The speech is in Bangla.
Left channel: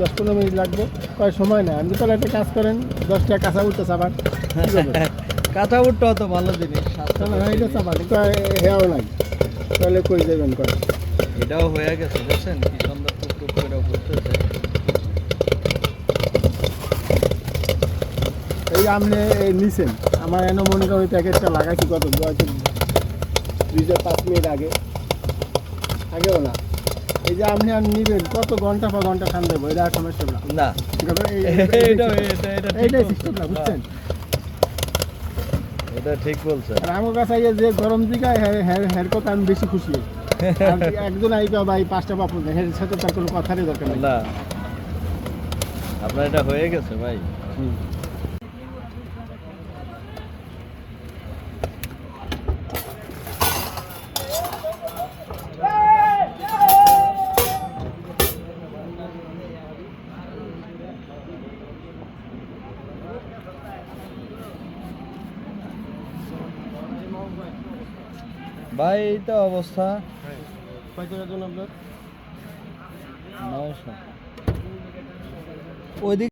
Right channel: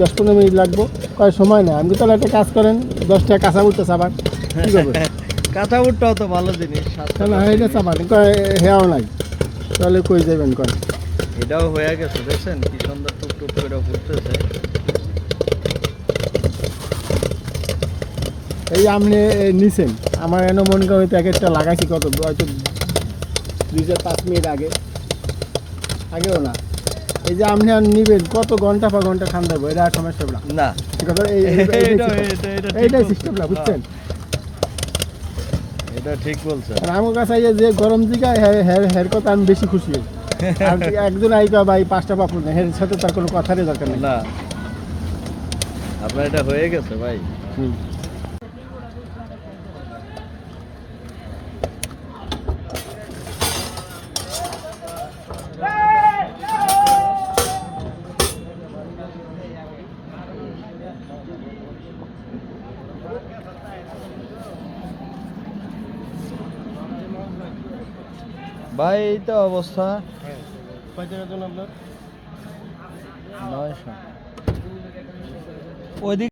10-15 মিনিট লাগবো। কয় সময় না, আপনি তাহলে একটা কাজ করেন, 10টা কাঁচা উঠতে চাপান। কাঁচা বুটটাও তো ভালো জিনিস, না এটা চাপান, কয় হেয়াও নাই, তাহলে কই যাবেন করে। এটাও হয়ে গেছে, দেখছেন কি সুন্দর টুক টুক করে ঘুরতেছে। এই আপনি নিছেন, আমার এনে মনে করে প্যাকেটটা লাগাইছি কত হয়তো 2-5 মিনিট আগেও না। এই যে আপনি আর নিবেন কত ঘন্টা পর ঘন্টা খান দেবো, এটা আর সমস্যা না। না এইটাই সিস্টেম না, বুঝছেন? এটা ঠিক বলছেন। আর আমার কাছে এই যে গরম দিকে হের কথা আমি বেশি খুশি হই। আর একজন আইকা ভাই 5টা পাপড় না, এর সাথে তার কোনো কথারই দরকার নেই। না, আপনার এটা হয়ে গেছে ভাই। ভাই এই তো অবস্থা। কয় টাকার জন্য আপনার? 900 ওইদিক